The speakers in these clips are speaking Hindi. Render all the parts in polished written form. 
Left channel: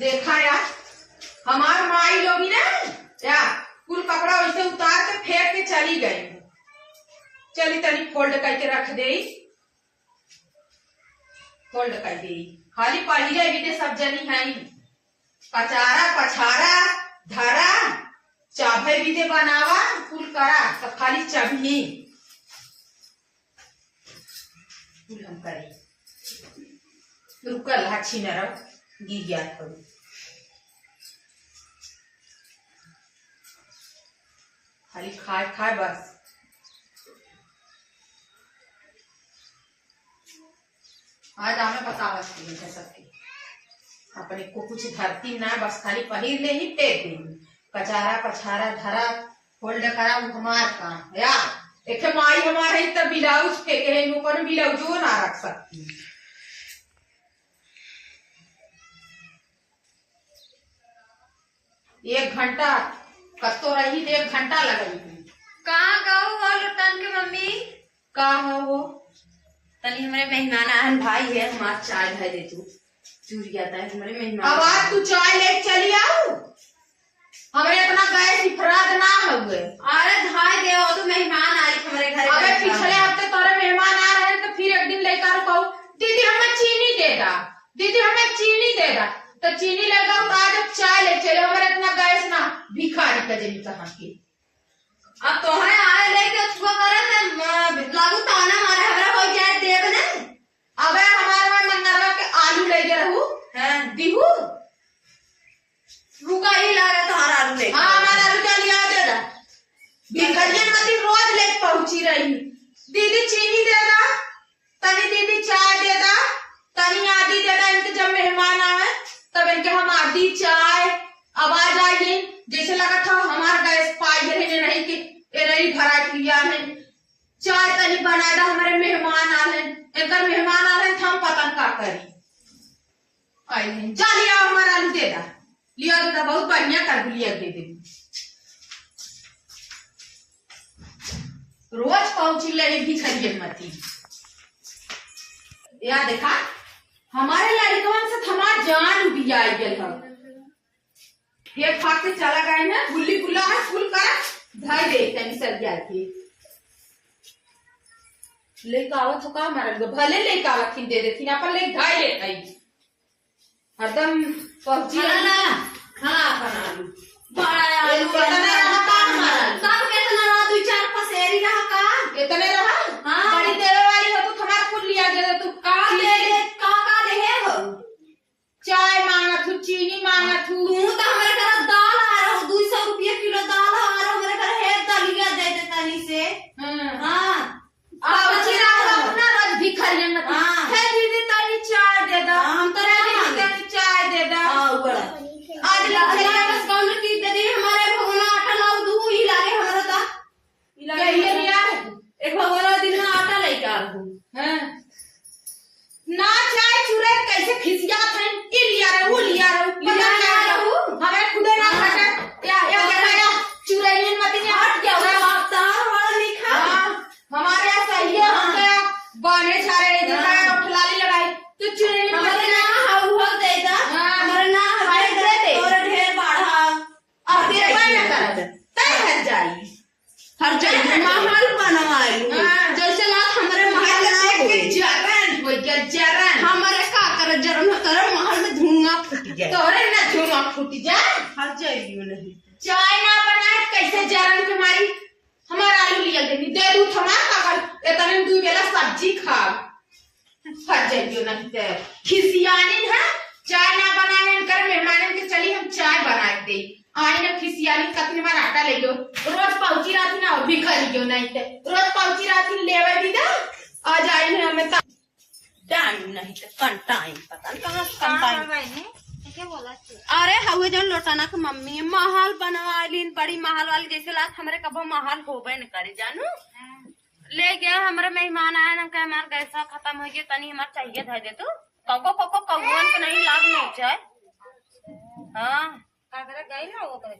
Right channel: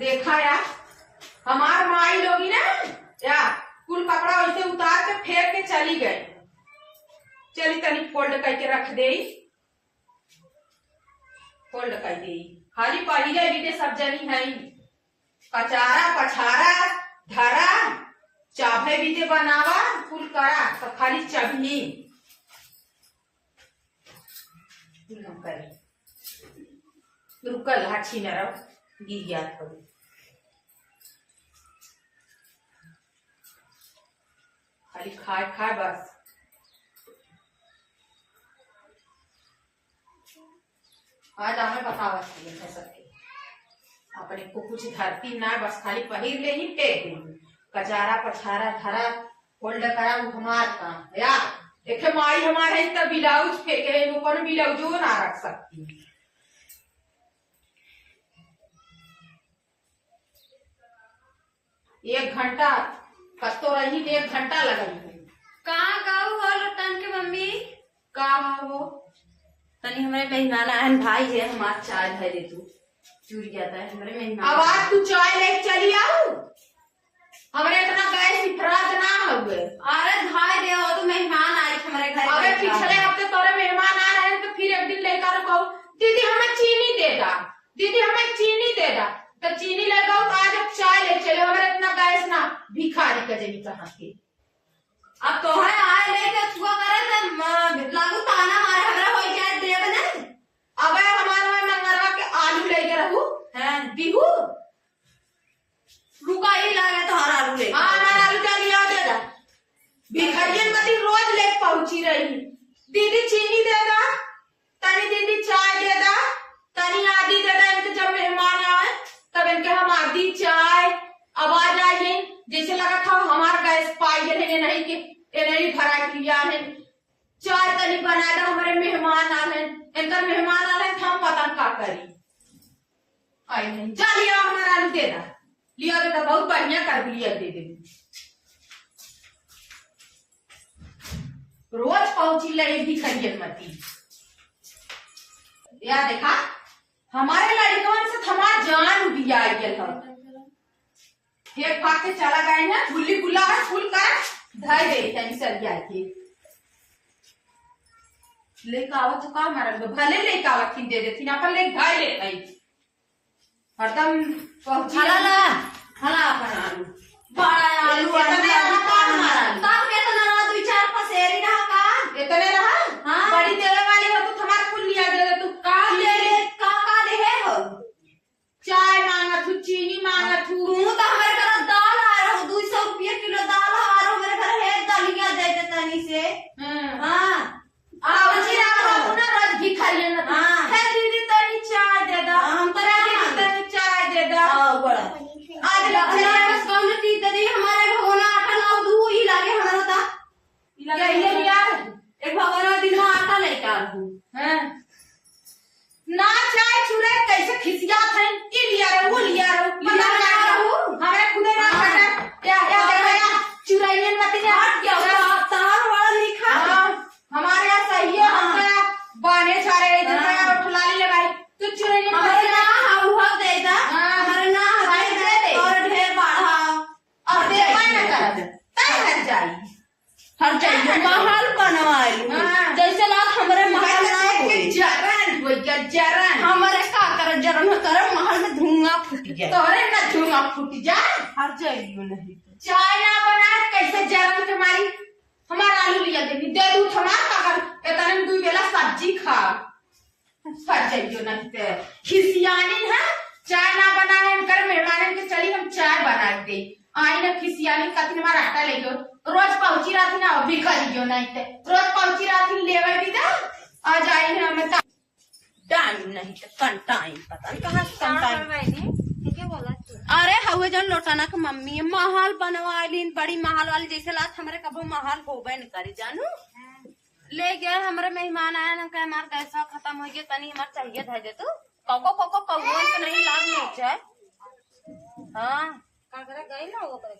देखा यार, हमार माई लोगी ना यार कुल कपड़ा वैसे उतार के फेंक के चली गई। चली तनी फोल्ड करके रख दे, फोल्ड कर दे। खाली पहिले भी सब जनी है, कचारा पछारा धरा चाभे भी दे बनावा कुल करा, तो खाली चबनी कुल हम करे। रुकल हाछी न रहो गिर गया करू। खाली खाए खाए बस। आज हमें बतावा है सबके अपने को कुछ धरती ना, बस खाली पहिर ले ही फेंक दे। कचारा पछारा धरा फोल्ड करा हमार काम यार। एक माई हमार है तब ब्लाउज फेंके है, ऊपर ब्लाउज ना रख सकती। एक घंटा कस्तो रही, 1 घंटा लगल। कहाँ गाँव हो लुटन के मम्मी? का हो तनी हमारे मेहमान आन भाई है, हमार चाय भाई दे तू चूरिया था हमारे मेहमान। अब आज तू चाय ले चली आओ, हमारे इतना गैस इफराद ना हुए। अरे भाई दे तो मेहमान आए हमारे घर। अबे पिछले हफ्ते तोरे मेहमान आ रहे हैं, तो फिर एक दिन लेकर कहो दीदी हमें चीनी दे दा, दीदी हमें चीनी दे दा, तो चीनी लेगा तो आज अब चाय ले चले। हमारे इतना गैस ना भिखारी का जमी कहाँ के। अब तो है आए लेके छुआ करे लागू ताना मारे हमरा हो जाए देव ने। अबे हमारे में मंगरवा के आलू ले के रहू हैं दिहू रुका ही ला रहे तो हर आलू ले। हाँ हमारा आलू का लिया दे दा। भिखारी मती रोज ले पहुंची रही, दीदी चीनी दे दा, तनी दीदी चाय दे दा, तनी आदि दे दा। इनके जब मेहमान आए तब इनके हम आदि चाय आवाज आई, जैसे लगा था हमार गैस पाई है नहीं कि नहीं भरा लिया है। चाय तनी बना दा, हमारे मेहमान आ रहे, इनका मेहमान आ रहे, हम पता का करी आई नहीं। जा लिया हमारा आलू दे दा, लिया दे दा, बहुत बढ़िया कर लिया दे दे। रोज पहुंची ले भिखारी मती यार। देखा हमारे लड़कन से हमार जान उबिया गेल है। फेंक फाक के चला गए ना, गुल्ली गुल्ला है फुल करा धर दे तनी सरिया के लेके आवत हो का मारल भले लेके आवत थी दे देती ना, अपन ले ढाई ले आई हरदम पहुंची ना हाँ बना बड़ा आलू सब कितना 2-4 पसेरी रहा का इतने रहा। हाँ बड़ी देवे वाली हो तो तुम्हारा फुल लिया दे तू का दे हो। चाय मांगा थू, चीनी मांगा थू, तू तो हमारे घर दाल आ रहा 200 रुपया किलो दाल आ रहा हमारे घर है, दलिया दे दे तनी से। हाँ पहुंची रहा अपना रोज भिखारी न हाँ है दीदी तनी चाय दे दो, हम तो दीदी तनी चाय दे दो। हां बड़ा आज लखरिया बस कौन टी दे दी हमारे भगवान आटा लाओ दू ही लागे हमारा ता कहिए नहीं यार एक भगवान दिन में आटा लेके आ रहूं। हैं ना चाय चुरे कैसे खिसिया थे, ई लिया रे वो लिया रे लिया रे हमें खुदे ना हटा या चुराइए मत नहीं हट गया तार वाला लिखा। हमारे यहाँ सही है, हम तो बाने सारे इधर का उठलाली लगाई तो चुराइए हमारे ना हुआ दे दा हमारे ना हमारे दे दे और ढेर बाढ़ा और दे पाई ना कर तय हर जाई महल बनवाई जैसे लात हमारे महल के जरन हो गया जरन हमारे का कर महल में धुआं फूट गया तोरे ना धुआं फूट जाए। हर जाइयो नहीं चाय ना बनाए कैसे जरन के मारी हमारा आलू लिया देनी दे दूं हमार कागल इतने में 2 बेला सब्जी खा फट जाइयो नहीं ते खिसियानी है। चाय ना बनाए इनकर मेहमान के चली हम चाय बना दे आई ना खिसियानी कतनी मार आटा ले गयो रोज पहुंची रहा थी ना भिखारी गयो नहीं ते रोज पहुंची रहा थी लेवे दी दा आज आई है हमें टाइम नहीं तो कन टाइम पता नहीं कहाँ कन टाइम क्या बोला। अरे हवे जन लोटाना के मम्मी महल बनवाली बड़ी महल वाली जैसे लात हमारे कबो महल होबे न करे जानू ले गए हमारे मेहमान आए ना कहे हमार गैसा खत्म हो गया तनी हमार चाहिए था दे तू कोको कोको कौन के नहीं लाग नोचे। हाँ कागरा गई ना वो करे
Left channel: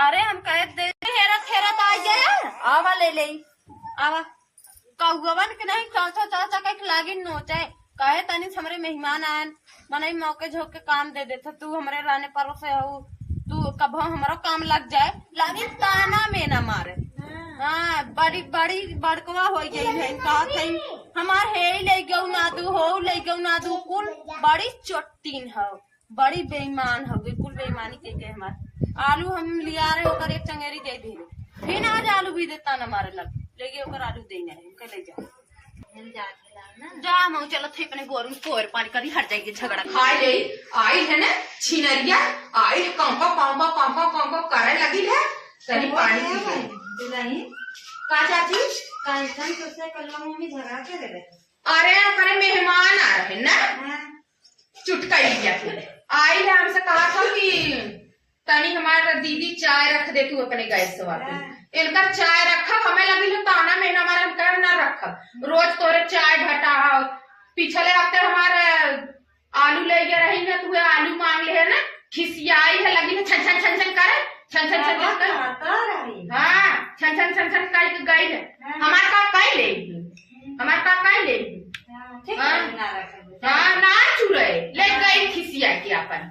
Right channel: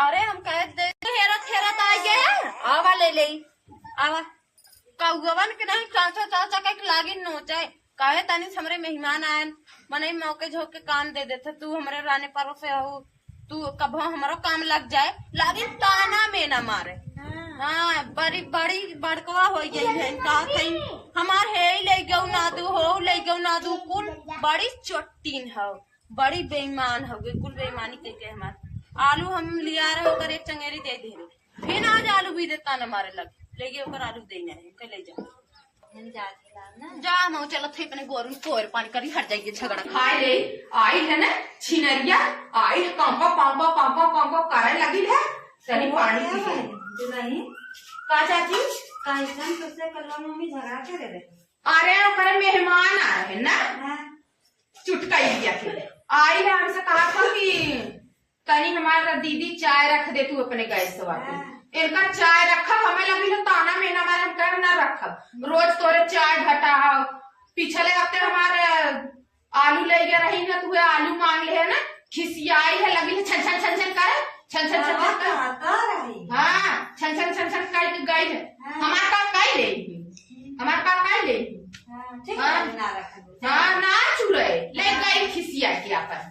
अरे हम कहे दे हेरत हेरत आ गए आवा ले ले आवा कौवन के नहीं चाचा चाचा के लागी नोचे काहे तनी हमरे मेहमान आयन मनई मौके झोंके काम दे देते तू हमरे रहने पर से हो तू कब हमारो काम लग जाए लागी ताना में न मारे। हाँ बड़ी बड़ी बड़कवा हो गई है का थई हमार हे ले गयो ना दू हो ले गयो ना दू कुल बड़ी चोटीन हो बड़ी बेईमान हो गई कुल बेईमानी के हमार आलू हम लिया रहे होकर एक चंगेरी दे दे फिर आज आलू भी देता न मारे लग ले गए ओकर आलू देना है के ले जा जा मऊ चलो थे अपने गोरू कोर पानी करी हट जाएगी झगड़ा खाए ले आई है ना छिनरिया आई कांपा पांपा पांपा पांपा करे लगी है तनी पानी पी गई नहीं का चाची कैसन तुझसे कल मम्मी झगड़ा करे रे अरे करे मेहमान आ रहे ना चुटका लिया फिर आई है हमसे कहा था कि तनी हमारा दीदी चाय रख दे तू अपने गैस से वापस इनका चाय रखा हमें लगी तो ताना महीना हमारे हम कह ना रखब रोज तोरे चाय घटा पिछले हफ्ते हमारे आलू ले गया रही ना तू आलू मांग ले है ना खिसियाई है लगी है छन छन छन छन करे छन छन छन छन कर हाँ छन छन छन छन कर गई है हमारे का कई ले हमारे का कई ले हाँ ना चुरे ले गई खिसिया के अपन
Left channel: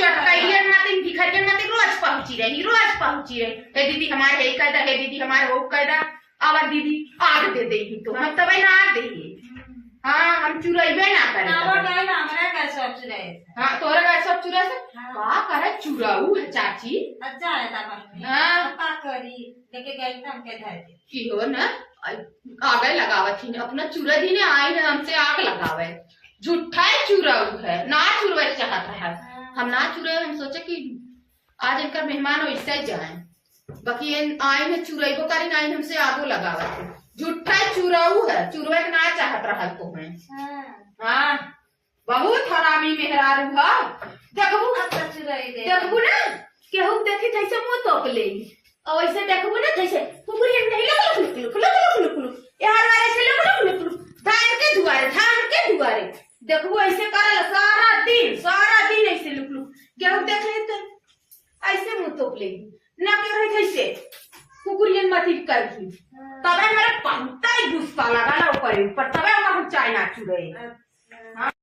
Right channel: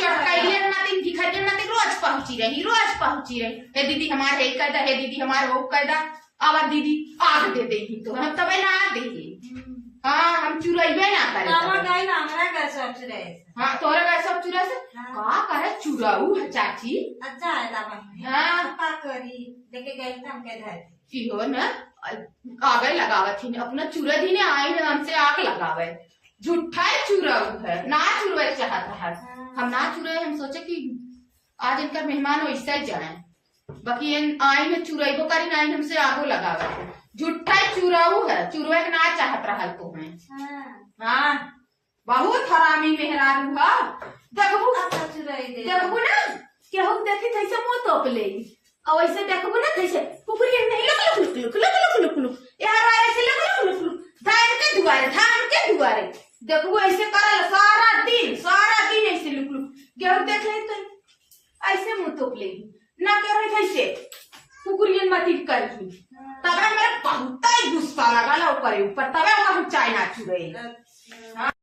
चटकाइलियन मतिन भिखरियन मतिन रोज पहुंची रही हे दीदी हमारे हे कहदा हे दीदी हमारे वो कहदा आवा दीदी आग दे देगी तो हम तबे ना आग देगी हाँ हम चुराइबे ना करे हाँ तोरा का सब चुरा से का करे चुराऊ है चाची अच्छा है ताबा हाँ का करी देखे गई तम के धर की हो ना आगे लगावत थी अपना चुरा दी ने आई ने हमसे आग लगावे झूठा चुराऊ है ना चुरवे चाहता है हम ना चुरे हम सोचे कि आज इनका मेहमान हो इससे जाए बाकी आई ने चुराई को करेंगे आई हमसे आग लगावा झूठा चुराऊ है चुरवे के ना चाहत रहा तुम्हें हाँ बहुत हरामी मेहरारू है देखबू ना केहू देखी थैसे मुंह तोप ले और ऐसे देखबू ना थैसे कुकुरी नहीं look look look look look look यार ऐसे लुक लुक लुक धान के दुआरे देखबू ऐसे करल सारा दिन ऐसे लुक लुक केहू देख ले तो ऐसे मुंह तोप ले ना के रही थैसे कुकुरियन मती करही तबे मेरा बहुत ही गुस्सा लगा ऊपर तबे हम चाय ना चुरे